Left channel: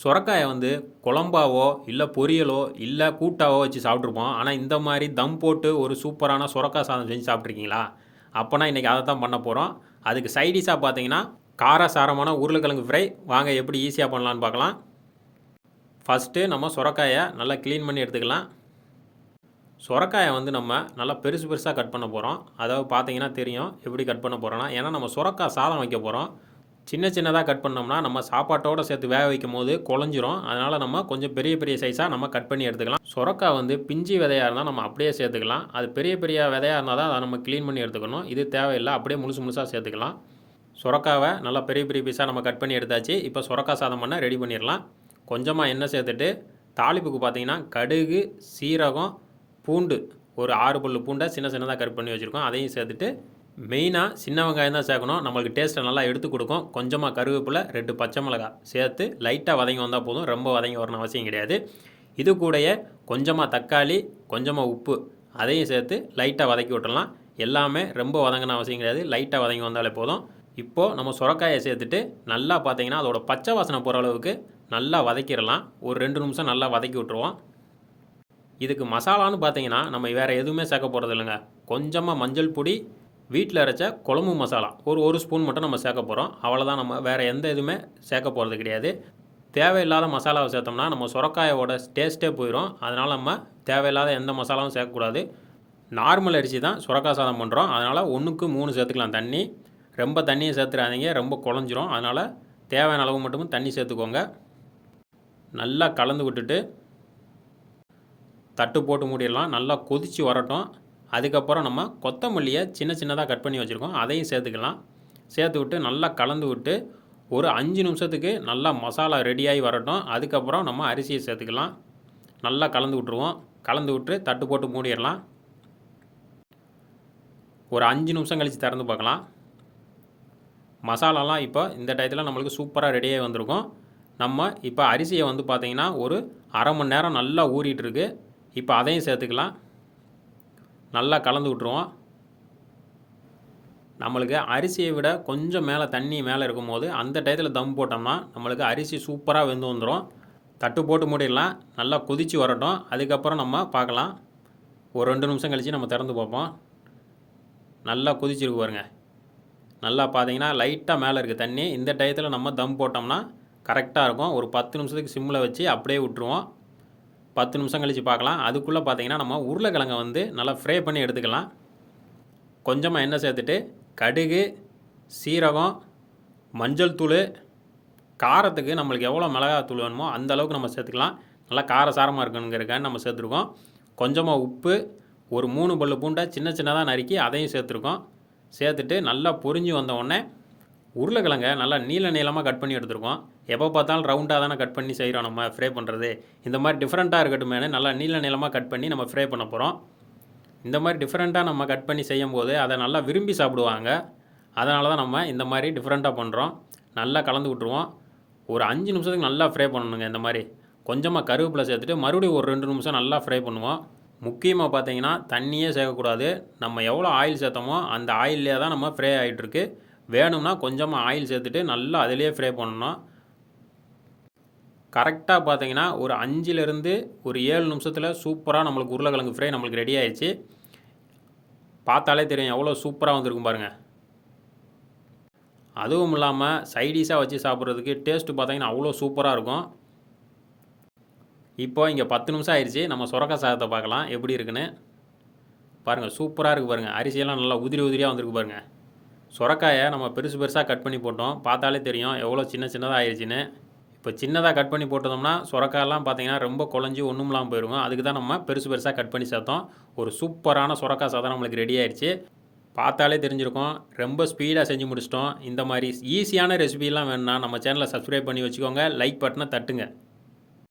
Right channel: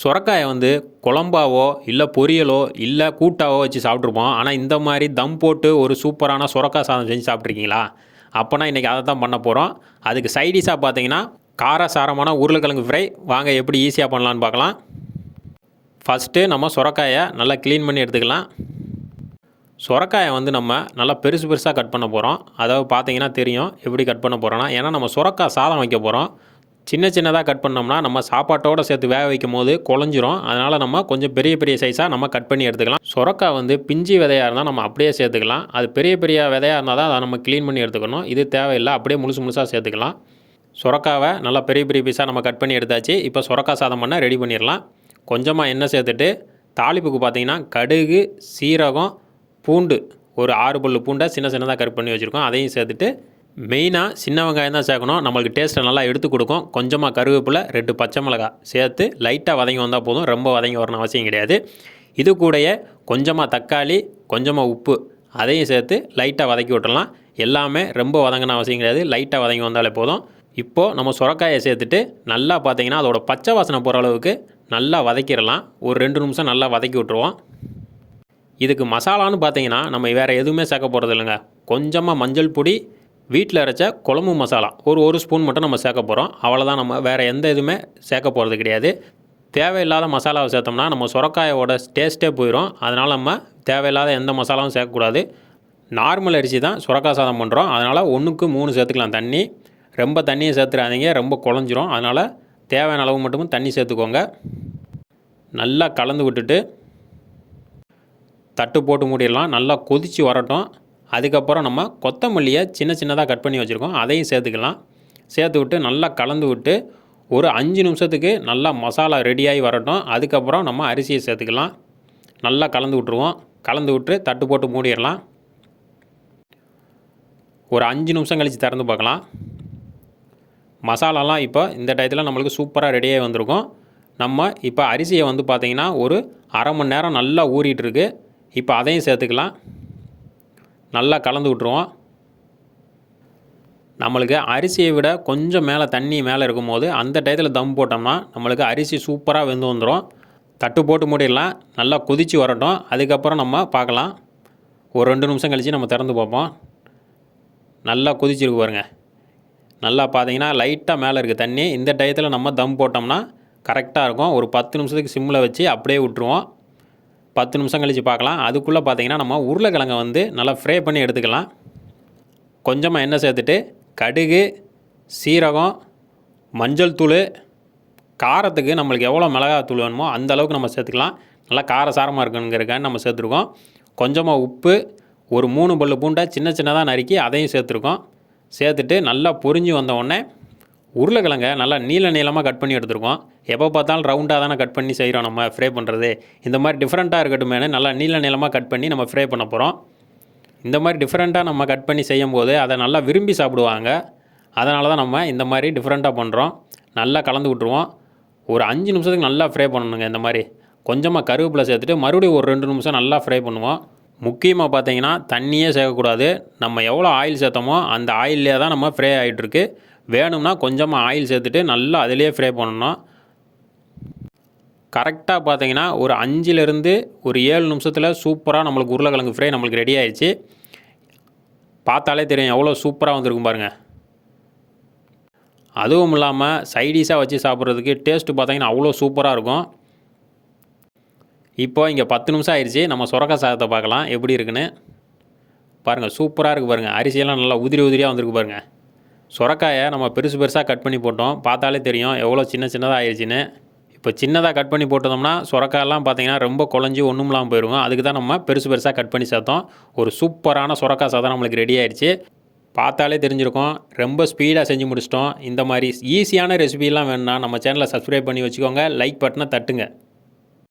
சொரக்காயை வந்து குழம்பாவோ, இல்ல பொரியலோ, இல்ல கூட்டாவோ வச்சு சாப்பிட்ருப்போம். ஆனா, இந்த மாரி தம் போட்டு ஒரு சூப்பரான சொரக்காய் சாதம் செஞ்சு சாப்பிட்ருக்கீங்களா? அப்பன்னா இன்னைக்கு அத தான் பண்ண போறோம். அதுக்கு சைட் டிஷ்ஷா பார்த்தீங்கன்னா, காரசாரமான உருளைக்கிழங்கு ஃப்ரை. வாங்க எப்படி ஈஸியா பண்ணலான்னு பார்க்கலாம். ஃபர்ஸ்ட்டு நம்ம சொரக்காய நல்லா கிளீன் பண்ணி எடுத்துக்கலாம். சொரக்காய வந்து நம்ம நல்லா பெருசு பெருசா கட் பண்ண போறோம். அதாவது பார்த்தீங்கன்னா தெரியும் எப்படி கட் பண்ண போறோம்னா, ஏன்னா நம்ம சொரக்காய் சாதம் வைக்க போறோம். சின்ன சின்னதா கட் பண்ணோம்னா, நம்ம சாப்பாட்டோட சேர்த்து வேக வைக்கும்போது குழஞ்சிரும். அதனால நம்ம கொஞ்சம் பெரிய பெரிய சைஸா நம்ம கட் பண்ணி எடுத்துக்கலாம். சொரக்காய் வந்து பிஞ்சு விதையா இருந்தா நம்ம அப்படியே சேர்த்துக்கலாம். அது பெரிய பெரிய விதையா இருந்தா தான் அத நம்ம கிளீன் பண்ணி எடுத்துக்கணும். இது தேவையில்ல. அப்படியே முழுசு முழுசா சேர்த்துக்கலாம். சொரக்காவ நல்லா பெரிய பெரிய பீஸா நம்ம கட் பண்ணி எடுத்தாச்சு. இப்போ சொரக்காய் சாதம் பண்ண ரெடி பண்ணிரலாம். கொஞ்சமா எண்ணெய் சேர்த்துட்டு, தாளிப்புக்கு பார்த்தீங்கன்னா, கடுகு, சீரகம், பூண்டு ஒரு 6 பல்லு பூண்டை சின்ன சின்னதாக கட் பண்ணி வச்சுருக்கோம். அதையும் சேர்த்துட்டு, மெயினாக சின்ன வெங்காயம் தான் சேர்க்கணும். நம்மளுக்கு டேஸ்ட்டை நல்லா எடுத்து கொடுக்கும். கொஞ்சமாக கருவேப்பிலை, 2 பச்சை மிளகாய் சேர்த்து லைட்டாக வதங்கி வந்தால் போதும். ரொம்ப வதங்கி வரணும் அவசியம் கிடையாது. இது கூடயே கொஞ்சமாக தக்காளி, கொஞ்சமாக உப்பு அதையும் சேர்த்து லைட்டாக வதக்கி விட்டுறலாம். எல்லாமே ரொம்ப வதங்கின அவசியம் கிடையாது. லைட்டாக வதங்கி வந்தாலே போதும். இப்போது நம்ம சொரக்காயை சேர்த்துட்டு நல்லா பார்த்தீங்கன்னா அதோட பச்சை வாசனை போகிற அளவுக்கு நல்லா வதக்கிடலாம். ஒரு 2 நிமிஷம் நல்லா வதக்கி விட்ருவோம். இதுக்கு மசாலான்னு பார்த்தீங்கன்னா நம்ம வேறு எதுவுமே சேர்க்க போகிறது இல்லைங்க. கொஞ்சமாக மஞ்சள் பொடி, வீட்டில் அரைச்ச குழம்பு மசாலா ஒரு ஸ்பூன் மட்டும் நம்ம சேர்க்க போகிறோம். அவ்வளோதான். நம்ம வேறு எந்த இதுவுமே சேர்க்க போகிறது கிடையாது. தேவையில்லாத மசாலாவை சேர்த்தோம்னா நம்ம சொரக்காயோட டேஸ்ட்டே போயிடும். அதனால் நம்ம தேவையில்லாத எந்த மசாலாவும் சேர்க்கக்கூடாது. நார்மல் அரிசி தான் சொரக்காய் சாதம் பண்ணுறோம். அதனால் 1க்கு 3 சேர்த்துக்கலாம் தண்ணி. ரொம்ப தண்ணியை சேர்த்துறாதீங்க, ரொம்ப குழஞ்சிரும். அதனால் தேவையான அளவு மட்டும் தண்ணி சேர்த்துக்கோங்க. நல்லா கலந்து விட்டுட்டு தட்டு போட்டு மூடிடலாம். நல்லா கொதித்து வரட்டும். அதுக்கப்புறம் நம்ம கொத்தமல்லியை சின்ன சின்னதாக கட் பண்ணி வச்சுருக்கோம். அதையும் சேர்த்துக்கலாம். சேர்த்து விட்டு நல்லா கலந்து விட்டு ஒரு 5 நிமிஷத்துக்கு நல்லா மசாலா ரெடியாகி வரட்டும். அதுக்கப்புறம் நம்ம அரிசியை சேர்த்துக்கலாம். நல்லா கலந்து விட்ருவோம். கலந்து விட்டு தட்டு போட்டு மூடிடலாம். ஒரு 5 நிமிஷம் கழித்து திறந்து பார்க்கலாம். மசாலாலாம் இப்போ இந்த டயத்தில் நம்மளுக்கு சூப்பராக ரெடியாகி வந்திருக்கும். நம்ம இப்போ அரிசியை வந்து பார்த்திங்கன்னா ஒரு அரை மணி நேரம் நல்லா ஊறிட்டுருக்கு. இப்போ அதையும் சேர்த்துக்கலாம். நல்லா கலந்து விட்ருவோம். நம்மளுக்கு அரிசியை விட கொஞ்சம் மேலே தண்ணி மேலே இருக்கும்போது அந்த டயத்தில் தம் போட்டோம்னா நம்மளுக்கு அரிசி சூப்பராக வெந்து வந்துடும். தட்டு போட்டு மூடிடலாம். நல்லா கொதித்து வரட்டும். அதுக்கப்புறம் நம்ம பார்க்கலாம். ஒரு 2 நிமிஷம் கழித்து நம்ம திறந்து பார்ப்போம். நல்லா கொதிச்சிருக்கு பாருங்கள். நல்லா பார்த்தீங்கன்னா லைட்டாக மேலே இருக்குது தண்ணி. இந்த டயத்தில் நம்ம தம் போட்டோம்னா கரெக்டாக இருக்கும். ஒரு 10 நிமிஷத்துக்கு சிம்மில் வச்சு அப்படியே விட்டுருவோம். 10 நிமிஷம் கழித்து பார்க்கலாம். அதுக்குள்ளே பார்த்தீங்கன்னா நம்ம உருளைக்கிழங்கை வந்து நல்லா ஃப்ரை பண்ணி எடுத்துக்கலாம். கொஞ்சமாக எண்ணெய் சேர்த்துட்டு கடுகு, சீரகம், மஞ்சள் தூள், காரத்துக்கு நம்மளுக்கு எவ்வளோ மிளகாத்தூள் வேணுமோ அந்த அளவுக்கு நம்ம சேர்த்துக்கலாம். நல்லா காரசாரமாக இருக்கணுங்கிறக்காண்டி நம்ம சேர்த்துருக்கோம். கொஞ்சமாக உப்பு, ஒரு 3 பல்லு பூண்டை சின்ன சின்னதாக நறுக்கி அதையும் சேர்த்துருக்கோம். சேர்த்துட்டு நல்லா பொரிஞ்சு வந்தவுடனே உருளைக்கிழங்கை நல்லா நீளமாக கட் பண்ணி எடுத்துருக்கோம். எப்போ பார்த்தாலும் ரவுண்டாக தானே கட் பண்ணி செய்கிறோம் நம்ம ஃப்ரை பண்ணுறது. இந்த மாதிரி டிஃப்ரெண்ட்டாக இருக்கட்டுமேனு நல்லா நீளமாக கட் பண்ணி நம்ம ஃப்ரை பண்ண போகிறோம். இந்த மாதிரி டிஃப்ரெண்ட்டாக நம்ம கட் பண்ணி செய்யும்போது அதை நல்லா விரும்பி சாப்பிடுவாங்க. அதனால தான் நம்ம இந்த மாதிரி டிஃப்ரெண்ட்டாக பண்ணுறோம். நல்லா கலந்து விட்ருவோம். ஒரு 5 நிமிஷத்துக்கு நல்லா ஃப்ரை பண்ணணுங்க. இந்த மாதிரி கொஞ்சமாக கருவேப்பிலை சேர்த்துட்டு மறுபடியும் ஒரு 2 நிமிஷம் நல்லா ஃப்ரை பண்ணுவோம். முக்கியமாக பார்த்தீங்கன்னா தண்ணியே சேர்க்கக்கூடாது. நம்ம எவ்வளோ ஆயில் சேர்த்தோமோ அந்த ஆயிலே தான் நம்ம ஃப்ரை ஆகிட்டுருக்கு. வேணும்னா கொஞ்சமாக ஆயில் சேர்த்துட்டு நல்லா அதிலே ஃப்ரை பண்ணணும். கரெக்டாக பார்த்தீங்கன்னா ஒரு 5லேருந்து ஒரு 7 நிமிஷத்தில் சூப்பராக நம்மளுக்கு உருளைக்கிழங்கு ஃப்ரை நம்மளுக்கு ரெடி ஆயிடுச்சு. பார்த்தாலே தெரியும் எவ்வளோ சூப்பராக வந்திருக்கும் பாருங்கள். அதுவும் இல்லாமல் சைடிஷாக வச்சு சாப்பிட்றதுக்கு டேஸ்ட்டு பார்த்தீங்கன்னா அவ்வளோ சூப்பராக இருக்கும். இப்போ இங்கே 10 நிமிஷம் ஆயிடுச்சு. நம்ம சொரக்காய் சாதத்தை பார்க்கலாம் எப்படி இருக்குன்னு. பாருங்கள் சூப்பராக இருக்குது பாருங்கள். அரிசியெல்லாம் நல்லா உதிரியாக வந்திருக்கு பாருங்கள். சொரக்காயை நம்ம பெருசாக கட் பண்ணி போட்டோம். பார்த்தாலே தெரியும் எவ்வளோ சின்னதாக ஆயிடுச்சுன்னு. இப்போ சின்னதாக கட் பண்ணி போட்டோம்னா சொரக்காயெல்லாம் பார்த்தீங்கன்னா ரொம்ப குழஞ்சி ஒன்றும் இல்லாமல் போயிடுங்க. அதுக்கு தான் நம்ம பெருசாக கட் பண்ணி சேர்த்தோம். ஒரு சூப்பரான சொரக்காய் சாதம் நம்மளுக்கு ரெடி ஆயிடுச்சு. பார்த்தாலே தெரிஞ்சிருக்கும். ரொம்ப ஸ்பீடாக செஞ்சு முடிச்சிட்டோம். இந்த மாதிரி ஈஸியான ரெசிபிலாம் வேணும்னா நம்ம சேனலை சப்ஸ்கிரைப் பண்ணி வச்சுக்கோங்க. லைக் பட்டனை தட்டுங்க.